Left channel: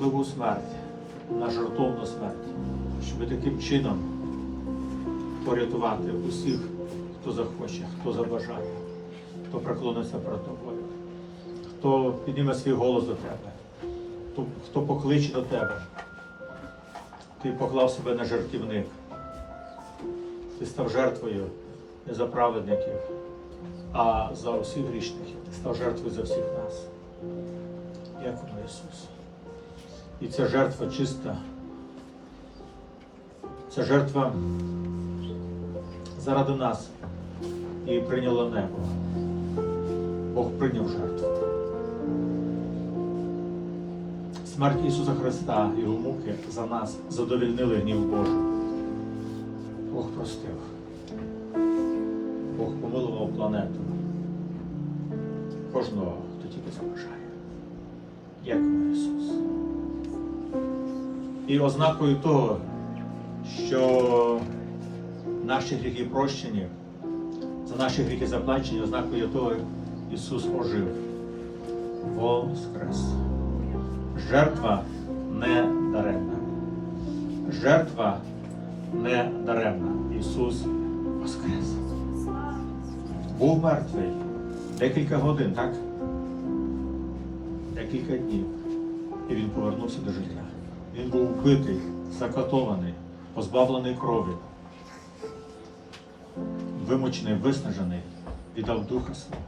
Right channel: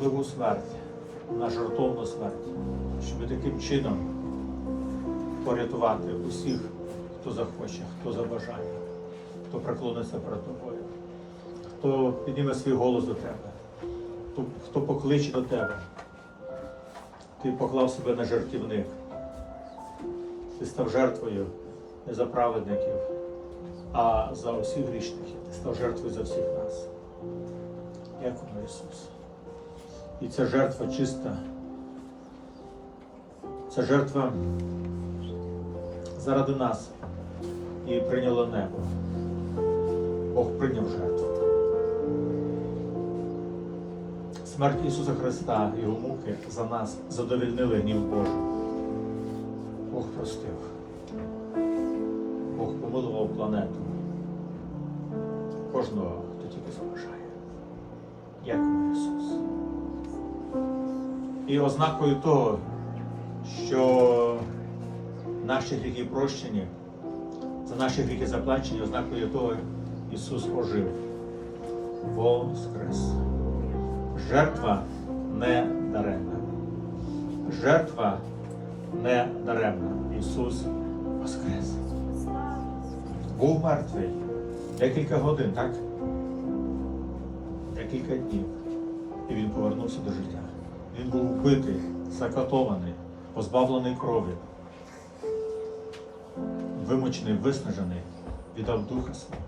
жахливу смерть, на жертовну смерть, щоб таким чином порятувати усіх, хто захоче, хто забажає, хто преклониться перед тобою, хто підніме свій голос до тебе, хто, покличе до тебе. Ти поклав себе на жертівник. Ти став жертвою не за праведників, а за усіх грішників. Ти став жертвою за всіх нас. Дякуємо, Ісус. І ця жертва чиста. Ця жертва заради нас і прийняло небо. Бог прийняв жертву. Смерть Ісуса Христа і Його муки за нас задовільнили гнів Божий. Бог простив. Бог помилував планету. Кожного, хто тільки забажає. Дякую. І ознакою того, що наші гріхи прощені, за наші гріхи заплачені, ознакою того Ісус ожив. Воскрес. Жертва не даремна. Жертва не даремна. Ісус Воскрес. Був мертвий декілька годин, так? Декілька днів. І він повернувся до життя. Він був вбитий, закатований, позбавлений крові, вимучений, виснажений, віддав духа свого.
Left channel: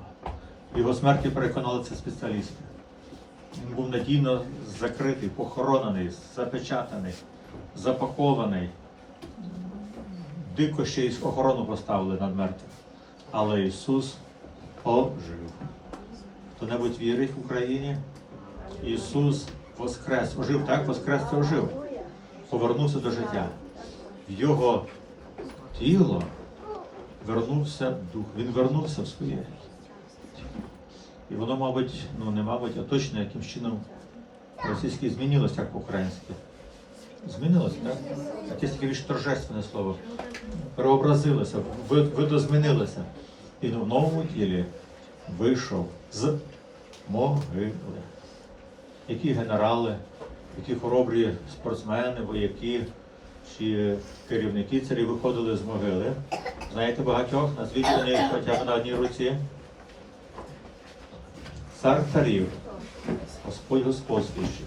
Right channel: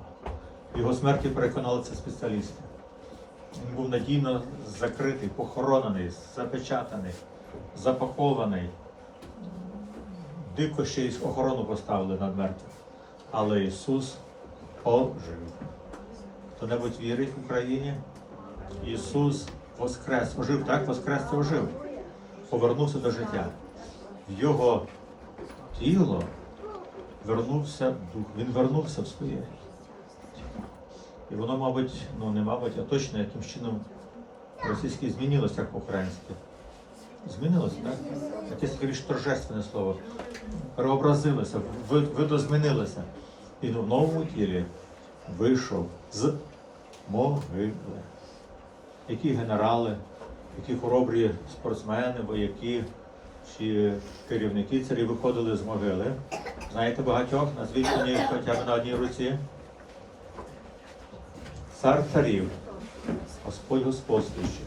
Його смерті переконали це спеціалісти. Він був надійно закритий, похоронений, запечатаний, запакований. Дико ще й охорону поставили над мертвим. Але Ісус ожив. Хто-небудь вірить в Україні? Ісус воскрес. Ожив, так? Воскрес це ожив. Повернувся до життя. В Його тіло вернувся дух. Він вернувся в своє. І воно, мабуть, ну не мабуть, а точно якимсь чином російське змінилося як по-українськи. Змінилося, так? Якесь таке більш торжественне слово. Переобразилося, ви- видозмінилося. І в новому тілі вийшов з могили. Які генерали, які хоробрі спортсмени, вояки чи керівники царі виходили з могили. Знаєте багатьох, назвіть мені хоча б на одній руці. Цар царів, Господь господствуючих,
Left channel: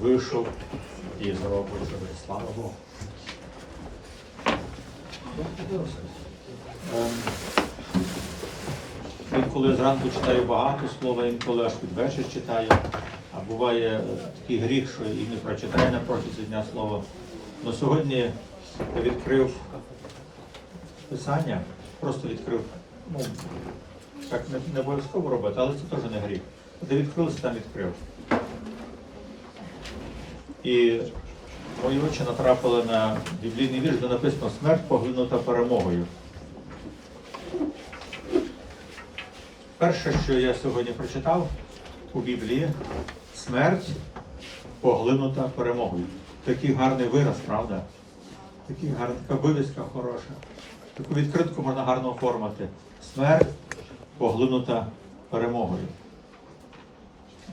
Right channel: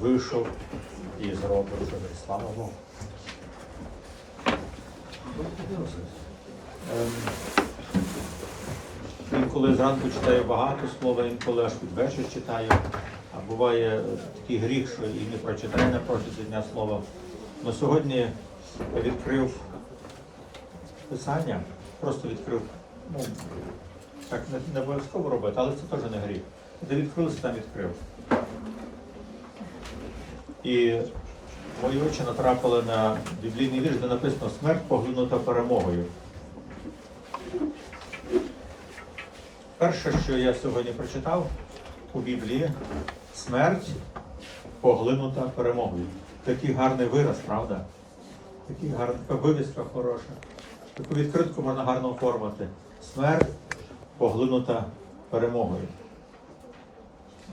вийшов із гробу живий. Слава Богу. Ем, Інколи зранку читаю багато слова, інколи аж під вечір читаю. Буває такий гріх, що і не прочитаю на протязі дня слова. Но сьогодні я відкрив писання, просто відкрив. Ну, так не, не обов'язково робити, але це теж не гріх. Де відкрився, там відкрив. І мої очі натрапили на біблійний вірш, де написано смерть поглинута перемогою. Перше, що я сьогодні прочитав у Біблії, смерть поглинута перемогою. Такий гарний вираз, правда? Такий гарний, така вивіска хороша. Таку відкритку можна гарно оформити. Смерть поглинута перемогою.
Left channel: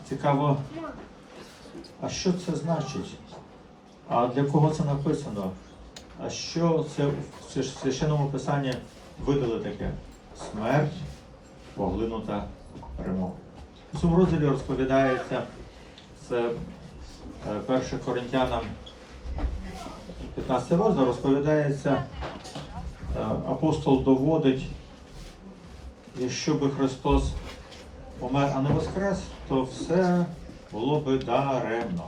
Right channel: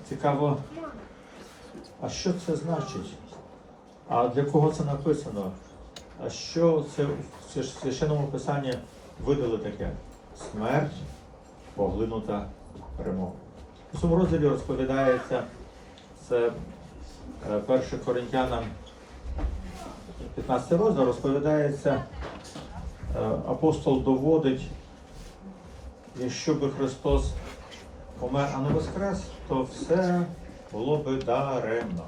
Цікаво, а що це значить? А для кого це написано? А що це в священному писанні видали таке? Смерть поглинута перемогою. У цьому розділі розповідається це е, 1 Коринтянам 15 розділ розповідається, е, апостол доводить, якщо би Христос помер, а не воскрес, то все було би даремно.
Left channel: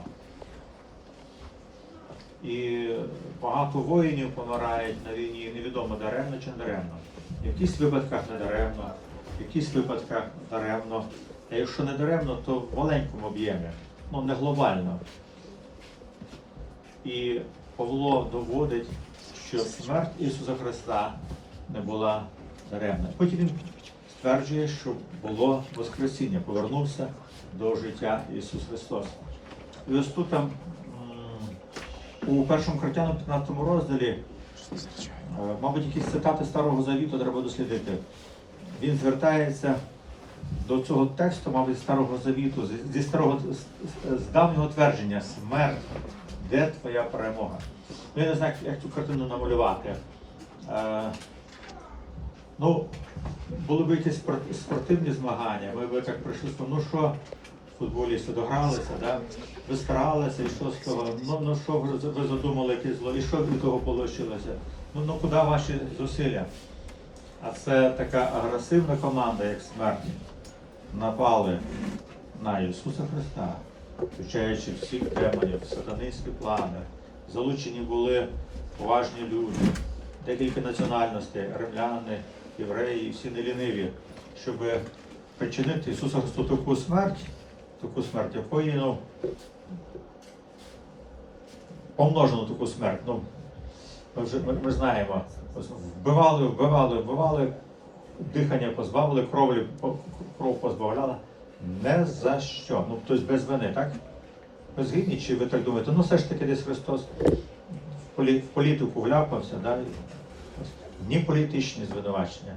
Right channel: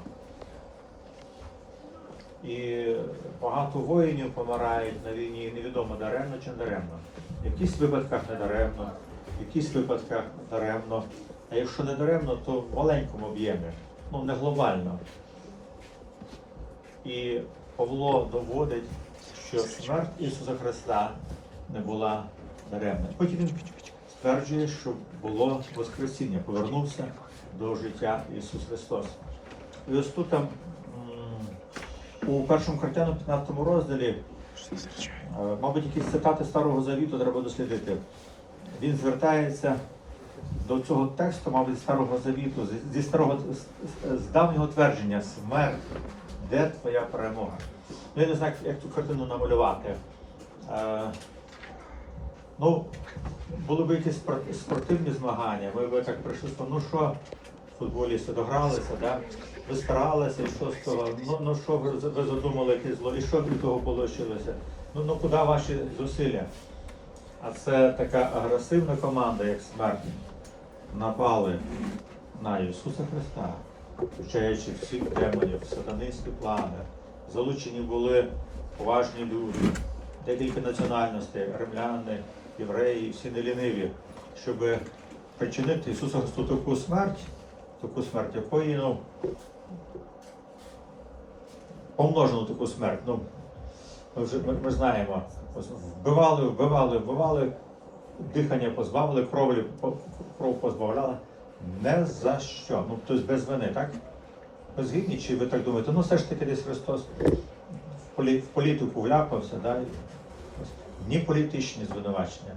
І багато воїнів помирають на війні, невідомо даремно чи даремно. В якихось випадках не даремно, в якихось випадках даремно. А якщо не даремно, то в маленькому об'ємі, ну не глобально. І Павло доводить, що смерть Ісуса Христа не була даремна. Потім він стверджує, що було Воскресіння, повернувся до життя Ісус Христос. І ось тут там у першому Коринтяну 15 розділі, е, мабуть, якісь цитати Старого Завіту треба дослідити. Він звертається до цього тексту, мабуть, Старого Завіту, зі старого з, давнього твердження смерть, де твоя перемога? Ну, я не знаю, як цю картину намалювати. Е, ну, були б якісь спортивні змагання, ми б так прийшли, ну що, футболісти догралися, да? ви старалися, і що з того? Ну, ну що ви, ви задумали яке зло, і що від того вийшло? Ну, ну куди ваші зусилля? А це така агресивна команда, як смерть, напали на Ісуса Христа, включаючи всіх демонів, сатанинські плани. Залучені були поважні люди, декілька національностей, римляни, євреї, всі неліниві, щоб причинити Ісусу Христу таку смерть, таку смерть, якої ну, помножену таку смерть. Ну, ми вже ми, ми знаємо, вбивали, вбивали, вбивали, дихання позбавили, крові, по- кров позбавляли. Не за що. Ну, тобто без вини, так? Ви згідні, чи ви так думаєте? Ну, все ж таки десь Христос в, полі, в політику вляпався, да? ні політичні звинувачення,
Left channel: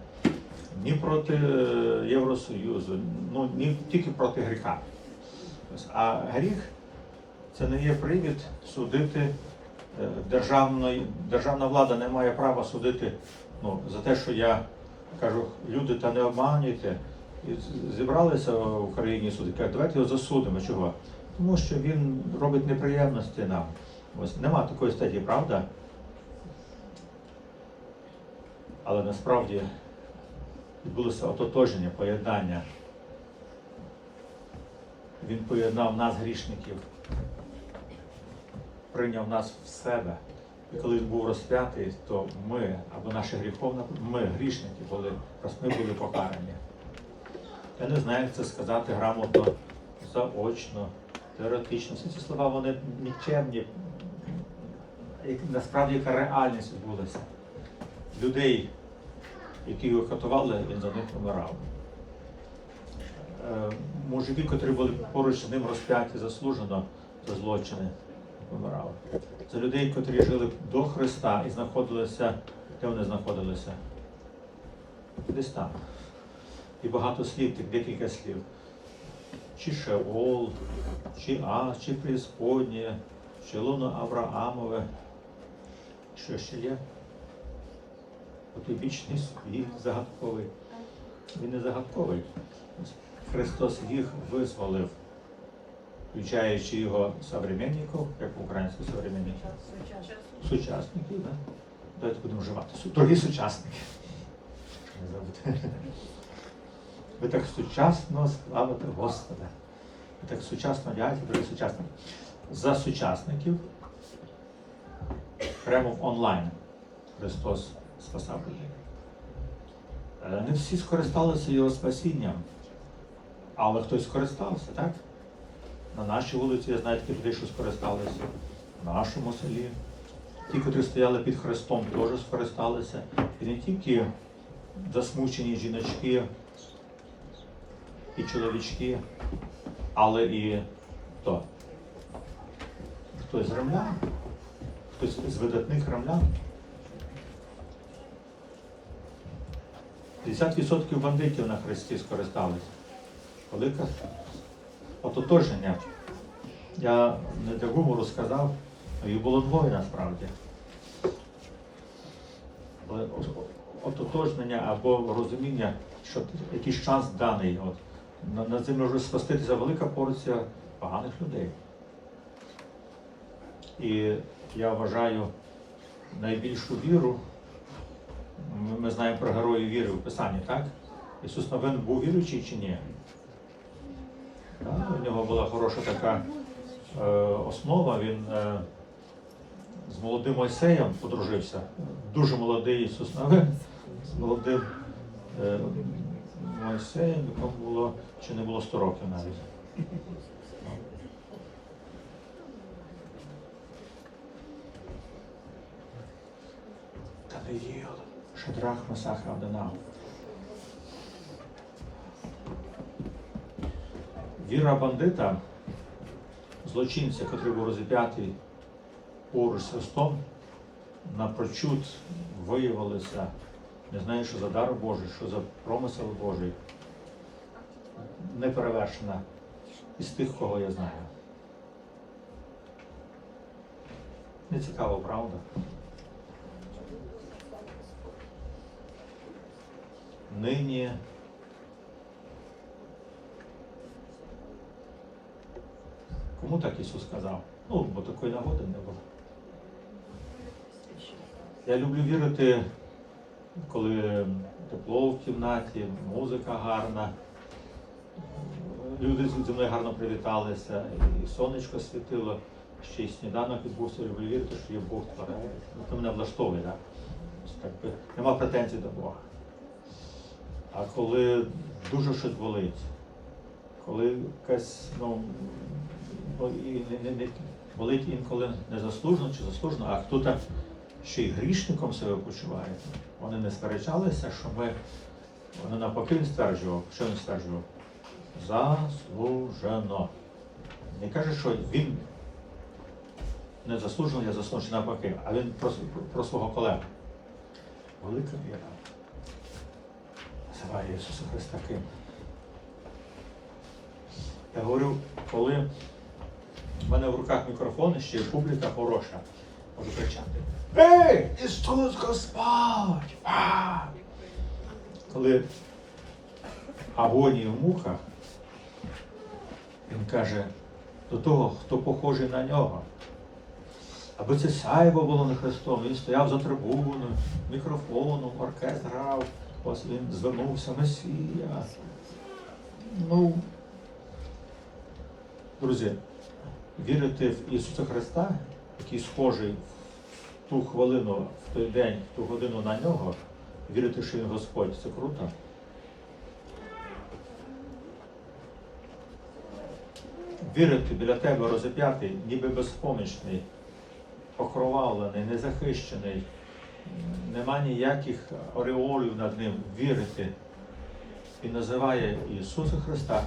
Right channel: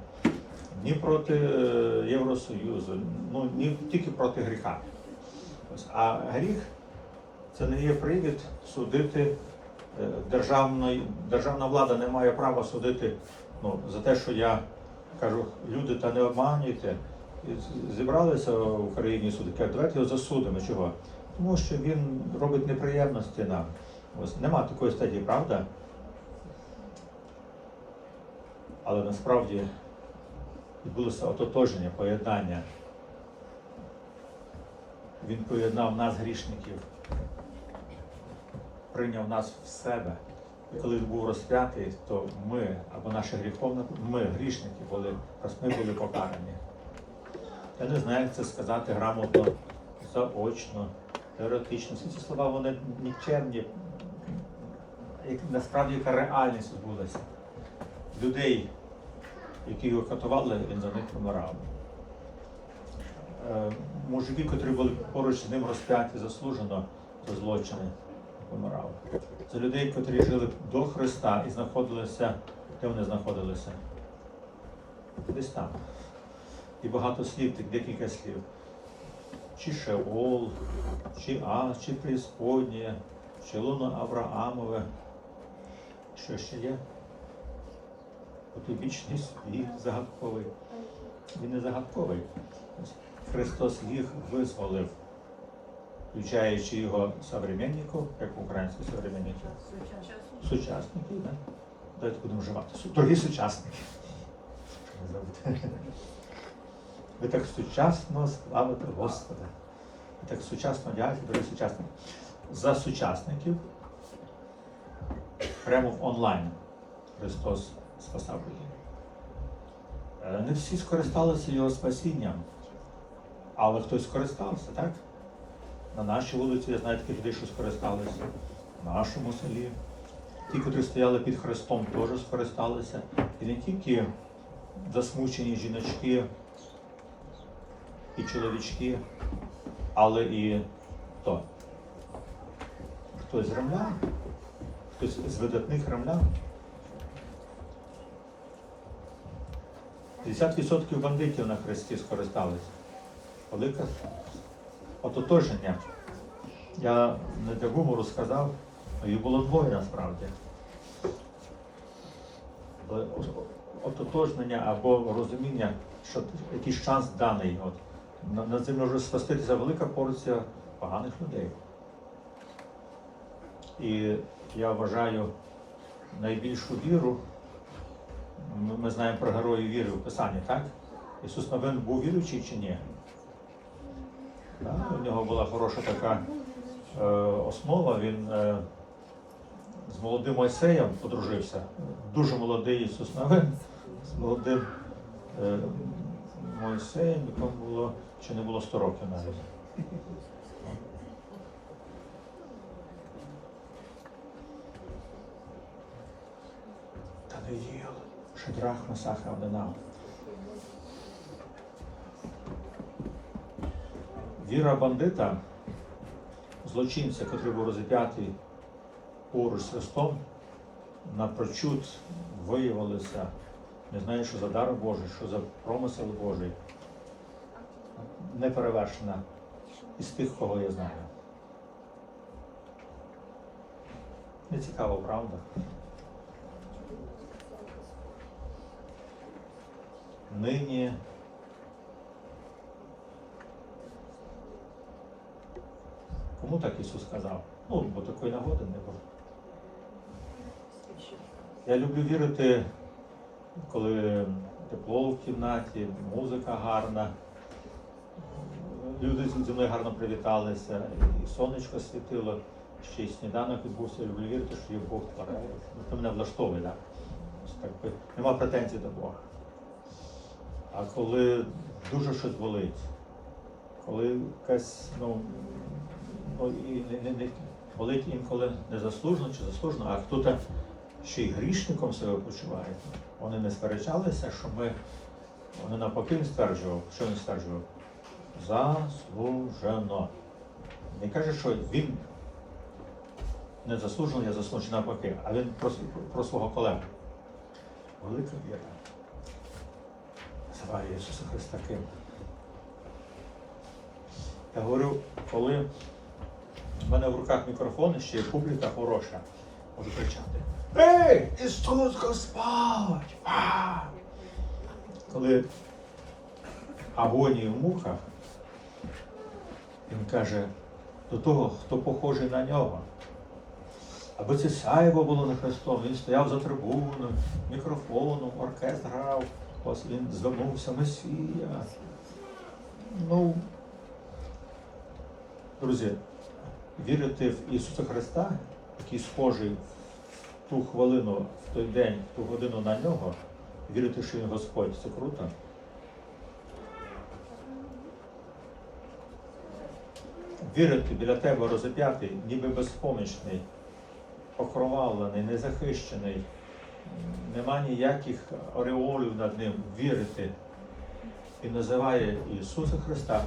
ні проти е, Євросоюзу, ну ні тільки проти гріха. А гріх це не є привід судити. е, Державна, державна влада не має права судити ну, за те, що я кажу, люди та не обманюйте. І зібралися в Україні суди, кажуть, давайте його засудимо. Чого? Тому що він робить неприємності нам. Ось нема такої статті, правда? Але насправді відбулося ототоження, поєднання. Він поєднав нас, грішників, прийняв нас в себе. І коли він був розп'ятий, то ми, або наша гріховна, ми, грішники, були, ми були покарані. Я не знаю, як це сказати грамотно, заочно, теоретично. Всі ці слова вони нікчемні. Насправді яка реальність відбулася. Людей, які його катували, він за них помирав. Е, Мужики, котрі були поруч з ним розп'яті заслужено за злочини, помирали. Це людей, котрі жили до Христа і знаходилися, де вони знаходилися? Десь там. І багато слів, так декілька слів. Чи Шеол, чи Ас, чи Преисподнє, чи Луно Авраамове. Що ще є? Потойбічний світ загадковий. Він не загадковий. Христос їх визволив, включаючи його современників, як українські современники. Сучасники, да? Давайте будемо вживати. Дорогі сучасники. Не забудьте. Ви так сучасно славите Господа. Ви так сучасно одягаєте, дорогі сучасники. За сучасників прямо в онлайн Христос спасав людей. Е, Не всі скористалися його спасінням, але хтось скористався, так? На нашій вулиці я знаю таких людей, що скористалися, в нашому селі. Ті, котрі стояли під Христом, теж скористалися. І не тільки засмучені жіночки і чоловічки, але і хто? Хтось з римлян, хтось з видатних римлян. 50% бандитів на Христі скористалися. Велике ототоження. Я не для гумору сказав, їх було двоє насправді. Ототожнення або розуміння, що якийсь час даний. От, на, на землі може спаститися велика порція поганих людей. І я вважаю найбільшу віру. Ми, ми знаємо про героїв віри в Писанні, так? Ісус Навин був віруючий чи ні? Так, у нього була хороша така основа. Він е, з молодим Мойсеєм подружився. Дуже молодий Ісус Навин з молодим е, Мойсеєм, якому було чи не було 100 років навіть. Даниїл, Шадрах, Масах, Авденав. Віра бандита, злочинця, який був розіп'ятий поруч з Христом, напрочуд виявилося, не знаю, що за дар Божий, що за промисел Божий. неперевершена із тих, кого я знаю. Не цікаво, правда? Нині кому так Ісус сказав? Ну, бо такої нагоди не було. Я люблю вірити, коли тепло в кімнаті, музика гарна. Люди зі мною гарно привіталися, і сонечко світило, ще й сніданок відбувся. Люблю вірити, що є Бог творець. Ну, Це мене влаштовує, так? так би, нема претензій до Бога. А коли дуже щось болить, коли якась, ну, болить інколи незаслужено чи заслужено, а хто-то ще й грішником себе почуває. Вони не сперечалися, що ми, вони навпаки він стверджував, що він стверджував? Заслужено. Не каже, що він не заслужено, я заслужений навпаки, а він про, про свого колегу. Велика віра. Називає Ісуса Христа ким. Я говорю, коли в мене в руках мікрофон, і ще й публіка хороша, можу кричати. Ей, Ісус Господь! А! Коли агонії в муках, він каже до того, хто похожий на нього. Аби це сяйво було на Христом, він стояв за трибуною, мікрофоном, оркестр грав, ось він звернувся Месія. Ну, друзі, вірити в Ісуса Христа, який схожий в ту хвилину, в той день, в ту годину на нього, вірити, що він Господь, це круто. Вірити біля тебе розіп'ятий, ніби безпомічний, окровавлений, незахищений, нема ніяких ореолів над ним, вірити. І називає Ісуса Христа,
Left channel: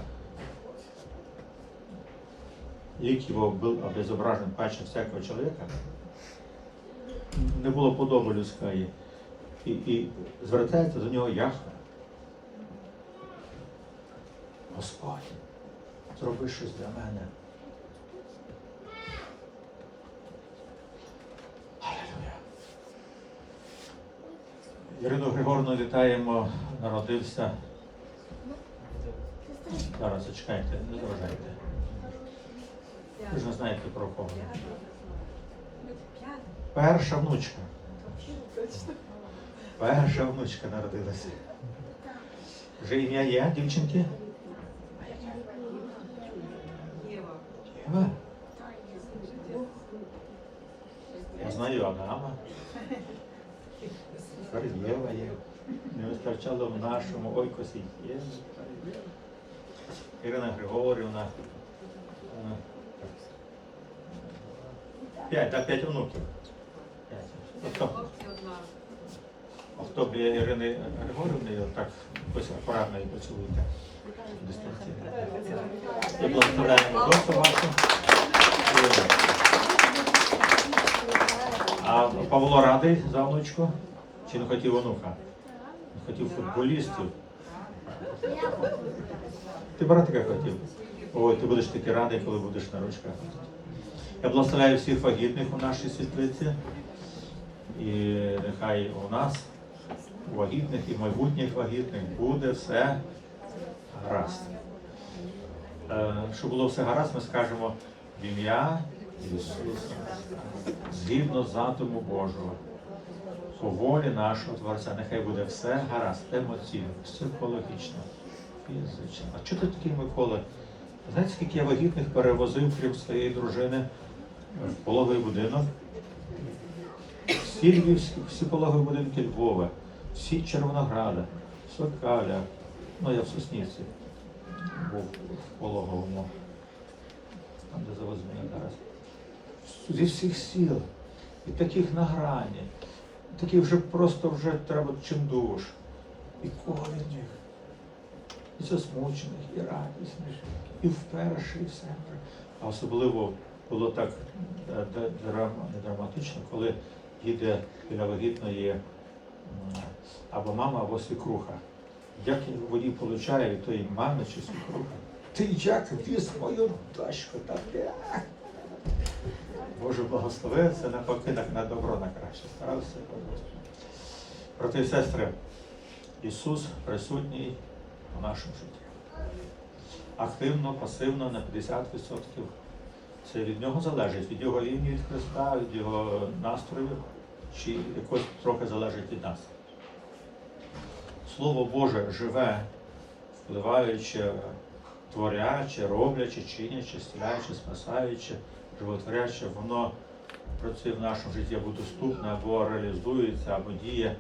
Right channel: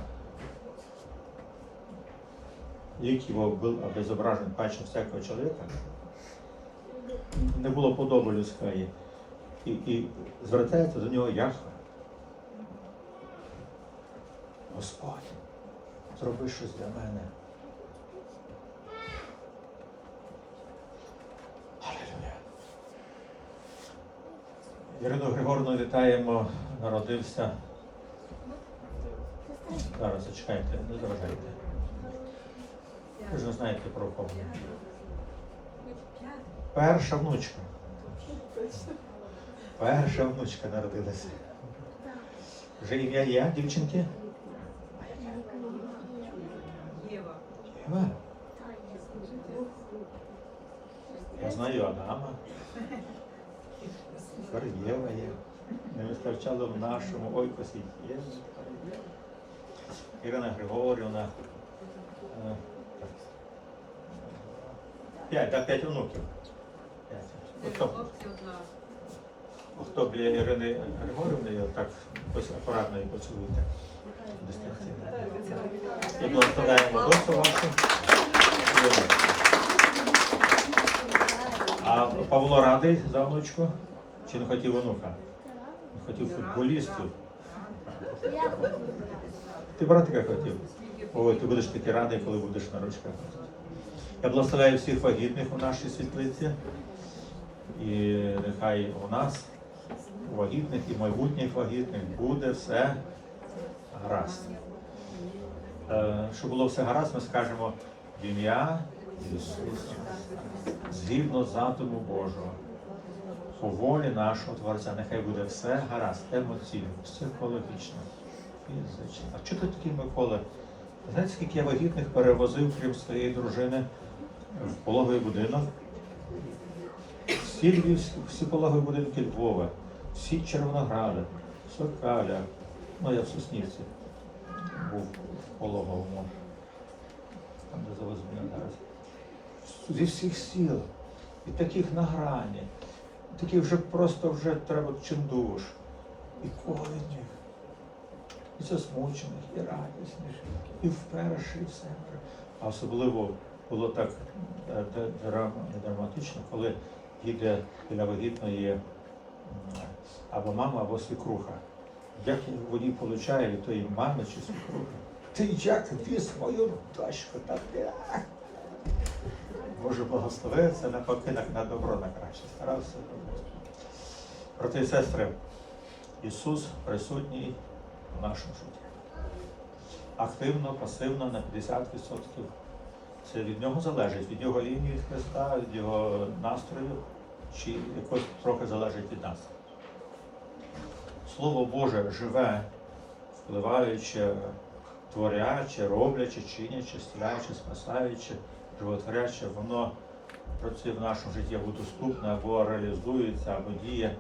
лик его был обезображен паче всякого чоловіка, не було подоби людської, і, і звертається до нього Яхве. Господь, зроби щось для мене. Алілюя. Ірину Григорівну вітаємо, народився. Зараз зачекайте, не заважайте. Ви ж знаєте про кого. Перша внучка. Перша внучка народилася. Вже ім'я є, дівчинки? Єва. Я знаю Адама. Єва є. Не вистачало в нашому ой косіть Єва. Ірина Григорівна. Е, П'ять, так, п'ять онуків. П'ять. От хто- біля Ірини Григорівни, так ось акуратно її поцілуйте. Дистанційно. І благословляємо дочку вашу. А Павло радий за внучку? Чи не хотів онука? Не хотів футболістів. Ти братика хотів? Ой, ти будеш такий радий, коли будеш на ручках. Я благословляю всіх вагітних у нашій світлиці. І нехай у нас, у вагітних і майбутніх вагітних, буде все гаразд. Е, Щоб було все гаразд, ми скажемо в ім'я Ісуса згідно задуму Божого, по волі нашого Творця, нехай буде все гаразд, емоційно, психологічно, фізично. А чого ти такий Микола? Знаєте, скільки я вагітних перевозив, крім своєї дружини, пологовий будинок? Всі львівські, всі пологові будинки Львова, всі Червонограда, Сокаля, ну я в Соснівці був в пологовому, там де завоз мене зараз. Зі всіх сіл, і таких на грані, таких вже просто вже треба чимдуж. І ковідних, і засмучених, і радісних, і вперше, і все. А особливо було так е, драма- не драматично, коли їде біля вагітної або мама, або свікруха. Як він в воді получає від тої мами чи свекрухи. Ти як віз мою дочку, та ти. Боже благослови, це на, на добро, на краще. Старався. Брати і сестри, Ісус присутній у нашому житті. Активно, пасивно на 50%. Це від нього залежить, від його лінії від Христа, від його настрою, чи якось трохи залежить від нас. Слово Боже живе, впливаючи, творячи, роблячи, чинячи, зціляючи, спасаючи, животворячи, воно працює в нашому житті або доступне, або реалізується, або діє.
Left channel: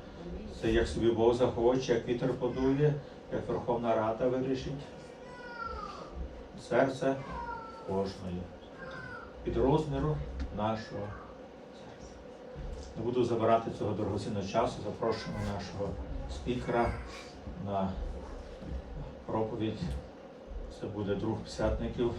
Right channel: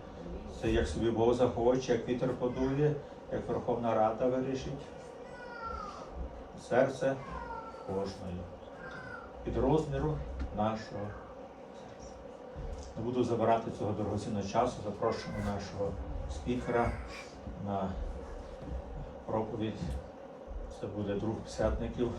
Це як собі Бог захоче, як вітер подує, як Верховна Рада вирішить. Серце кожної. Від розміру нашого. Не буду забирати цього дорогоцінного часу. Запрошуємо нашого спікера на проповідь. Це буде друг псятників.